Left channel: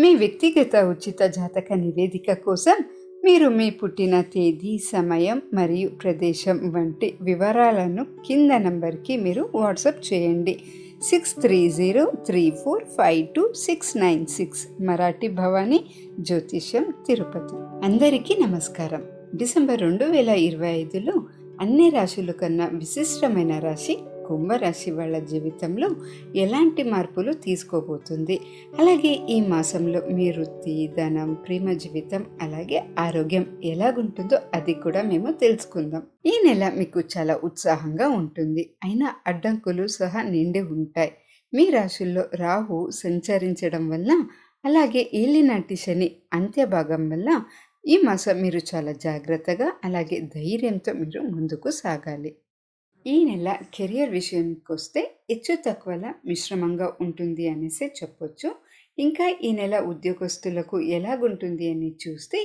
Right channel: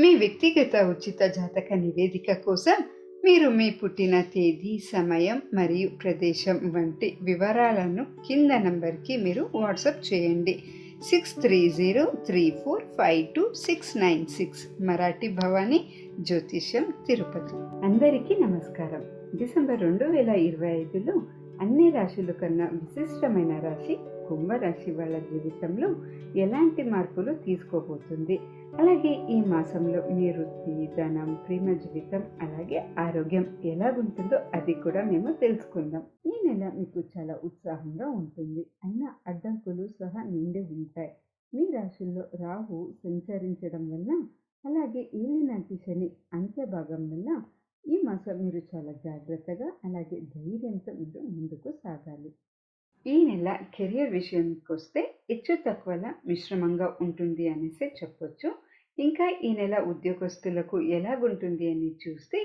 మీ వ్యక్తిగత ఉచిత జాతక నివేదిక కోసం మీరు మీ పుట్టిన తేదీ సమయం మరియు ప్రదేశం వంటి వివరాలను కింద నంబర్కి మీరు వాట్సాప్ చేయండి. Six three zero three four five two six nine six Marathi Bhavani జ్యోతిష్యం తిరుపతి. అందరికీ నమస్కారం. డిసెంబర్ రెండు వేల ఇరవై ఐదులో అన్ని రాశుల కన్నా విశిష్టమైన రాశి కుంభరాశి వాళ్ళ జీవితంలో ఎలాంటి మార్పులు తీసుకోబోతుంది? అలాగే ఈ మాసంలో మీ వృత్తి ధనం ప్రేమ జీవితం అలాగే ఆరోగ్యం ఎలాగుంటుందో అది కూడా మేము తెలుసుకుందాం. ఈ నెల మీకు చాలా ఉత్సాహంగా ఉంటుంది. అయినా అడ్డంకులు సహా నిండి ఉంటాయి. మీ రాశుల్లో రాహు సంచరించడం వల్ల అలాగే ఏలినాటి శని అంత్యభాగం వల్ల ఈ మాసం మీరు చాలా జాగ్రత్తగా అలాగే ధైర్యంతో మీరు ముందుకు సాగాలి. ఈ నెల కెరియర్ విషయానికి వస్తే హెచ్చు తక్కువల మిశ్రమంగా ఉంటుంది అనేసి చెప్పొచ్చు. ఇంకా ఈ నెల ఉద్యోగస్తులకు ఎలాగుంటుంది అని చూస్తే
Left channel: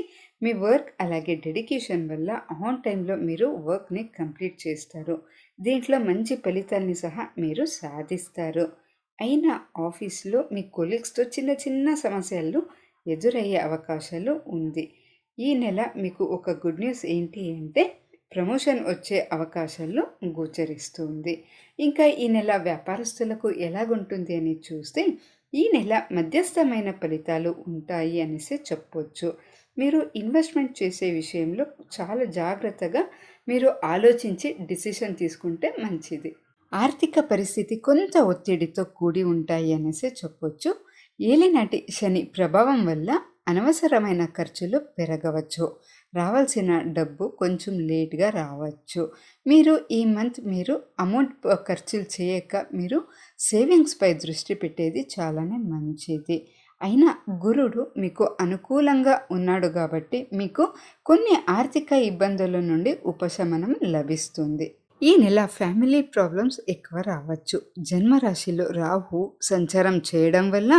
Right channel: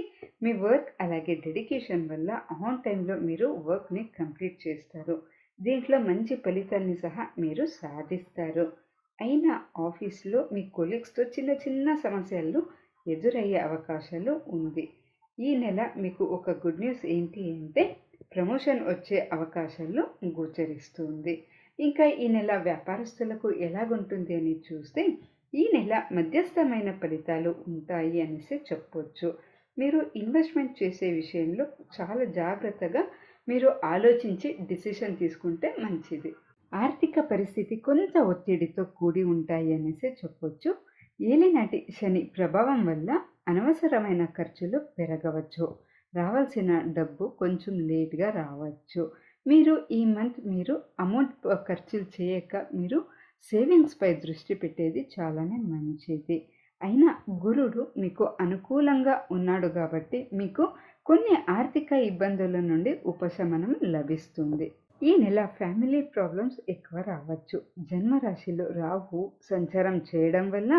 మీ వర్క్ అలాగే డెడికేషన్ వల్ల ఆన్ టైంలో మీరు వర్క్ని కంప్లీట్ చేస్తారు. దీంట్లో మంచి ఫలితాల్ని సహా మీరు సాధిస్తారు. అయినా ఆఫీస్లో మీ కొలీగ్స్తో చిన్న చిన్న సమస్యలు ఎదురయ్యే అవకాశాలు ఉంది. ఈ నెల మీకు ఒక గుడ్ న్యూస్ ఏంటి అంటే ప్రమోషన్ వచ్చే అవకాశాలు గోచరిస్తుంది. ఇంకా ఈ నెల వ్యాపారస్తులకు ఎలాగుంటుంది అని చూస్తే ఈ నెల మధ్యస్థమైన ఫలితాలు ఉంటాయి అనేసి చెప్పొచ్చు. మీరు ఇన్వెస్ట్మెంట్ చేసే విషయంలో చాలా జాగ్రత్తగా మీరు ఆలోచించి డిసిషన్ తీసుకుంటే మంచిది. ఆర్థిక పరిస్థితి కొంత ఒత్తిడితో కూడి ఉంటాయి అనేసి చెప్పొచ్చు. ఏలినాటి శని ప్రభావం వల్ల అనవసరమైన ఖర్చులు పెరగవచ్చు. రావాల్సిన డబ్బు కొంచెం లేట్గా రావచ్చు. మీరు ఈ మంత్ మీరు అమౌంట్ ఖర్చులు చేయక మీరు సేవింగ్స్పై దృష్టి పెట్టేది చాలానే మంచిది. అయినా గురుడు మీకు అనుకూలంగా ఉన్నాడు కాబట్టి మీకు కొన్ని ఆర్థిక ఇబ్బందుల నుండి ఉపశమనం లభిస్తుంది. ఈ నెల ఫ్యామిలీ ప్రాబ్లమ్స్ ఎక్కువ రావచ్చు. జన్మరాశిలో రాహు సంచారం చేయడం వల్ల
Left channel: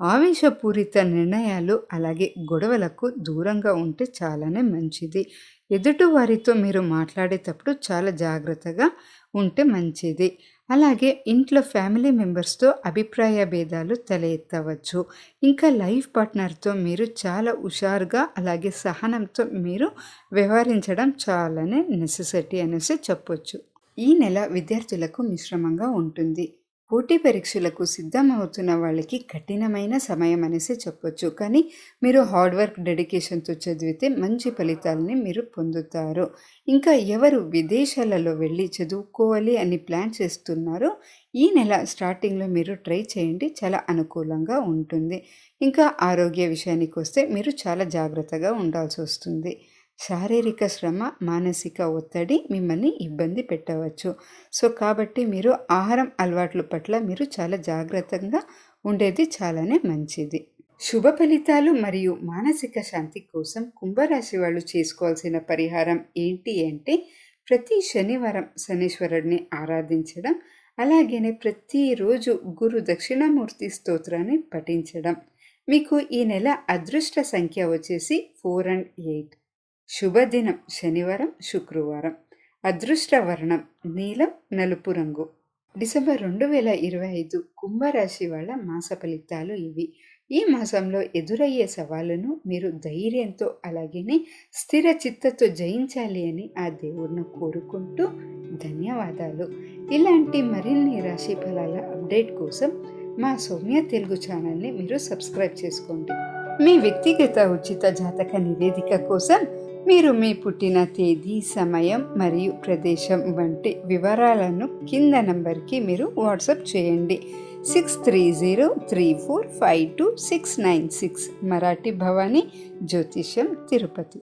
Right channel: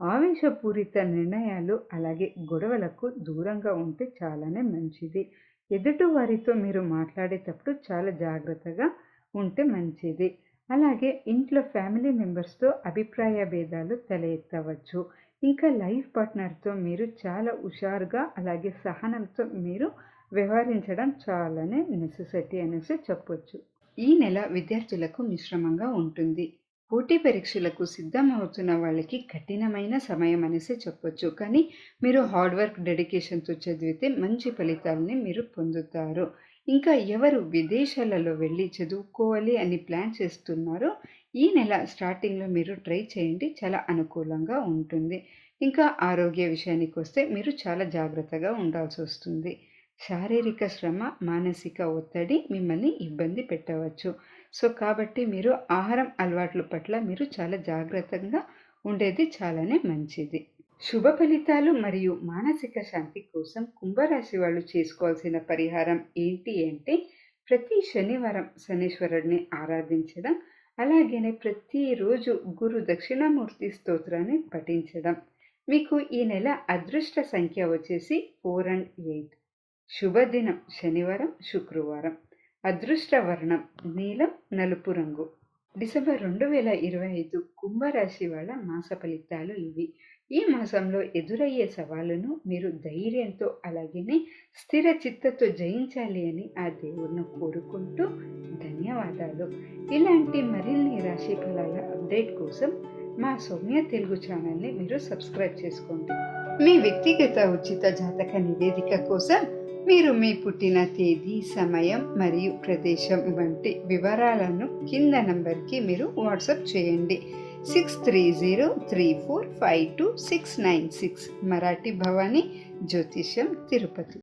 ఆవేశపూరిత నిర్ణయాలు అలాగే గొడవలకు దూరంగా ఉంటే చాలానే మంచిది. ఎదుటి వారితో మీరు మాట్లాడేటప్పుడు చాలా జాగ్రత్తగా ఉంటే మంచిది. అలాగే ఇంట్లో ఫ్యామిలీ మెంబర్స్తో అభిప్రాయ భేదాలు తల ఎత్తవచ్చు ఇంకా లైఫ్ పార్ట్నర్తో మీరు చాలా హుషారుగా అలాగే సహనంతో మీరు వ్యవహరించడం చాలానే నెసెసిటీ అనేసి చెప్పొచ్చు. ఈ నెల విద్యార్థులకు మిశ్రమంగా ఉంటుంది. పోటీ పరీక్షలకు సిద్ధమవుతున్న వాళ్ళకి కఠినమైన సమయం అనేసి చెప్పొచ్చు. కానీ మీరు హార్డ్ వర్క్ డెడికేషన్తో చదివితే మంచి ఫలితాలని మీరు పొందుతారు. ఇంకా ఎవరు విదేశాలలో వెళ్ళి చదువుకోవాలి అని ప్లాన్ చేస్తున్నారో ఈ నెల స్టార్టింగ్లో మీరు ట్రై చేయండి. చాలా అనుకూలంగా ఉంటుంది. ఇంకా ఆరోగ్య విషయానికి వస్తే మీరు చాలా జాగ్రత్తగా ఉండాల్సి వస్తుంది. శారీరక శ్రమ మానసిక ఒత్తిడి మిమ్మల్ని ఇబ్బంది పెట్టవచ్చు. సో కాబట్టి మీరు ఆహారం అలవాట్ల పట్ల మీరు చాలా జాగ్రత్తగా ఉండేది చాలానే మంచిది. శుభ ఫలితాలు మరియు మానసిక శాంతి కోసం కుంభరాశి వాళ్ళు చేసుకోవాల్సిన పరిహారం ఏంటి అంటే ప్రతి శనివారం శనీశ్వరుడిని ఆరాధించడం అలాగనే ప్రతిరోజు గురు దక్షిణామూర్తి స్తోత్రాన్ని పఠించడం. మీకు ఈ నెల అదృష్ట సంఖ్య వచ్చేసి ఫోర్ అండ్ ఎయిట్. శుభదినం శనివారం శుక్రవారం. అదృష్ట వర్ణం నీలం నలుపు రంగు. డిసెంబర్ రెండు వేల ఇరవై ఐదు కుంభరాశి వాళ్ళ మాస ఫలితాలు ఇవి. ఈ మాసంలో ఎదురయ్యే సవాళ్ళను మీరు ధైర్యంతో అలాగే స్థిర చిత్తతో జయించాలి అని ఆ దేవుడిని కోరుకుంటూ ధన్యవాదాలు. ఇలాంటి మరిన్ని రాశి ఫలాల అప్డేట్ కోసం మా సౌమ్య తెలుగు ఛానల్ని మీరు సబ్స్క్రైబ్ చేసుకోండి. మీ వ్యక్తిగత ఉచిత జాతక నివేదిక కోసం మీరు మీ పుట్టిన తేదీ సమయం మరియు ప్రదేశం వంటి వివరాలను కింద నంబర్కి మీరు వాట్సాప్ చేయండి. Six three zero three four five two six nine six Marathi Bhavani జ్యోతిష్యం తిరుపతి.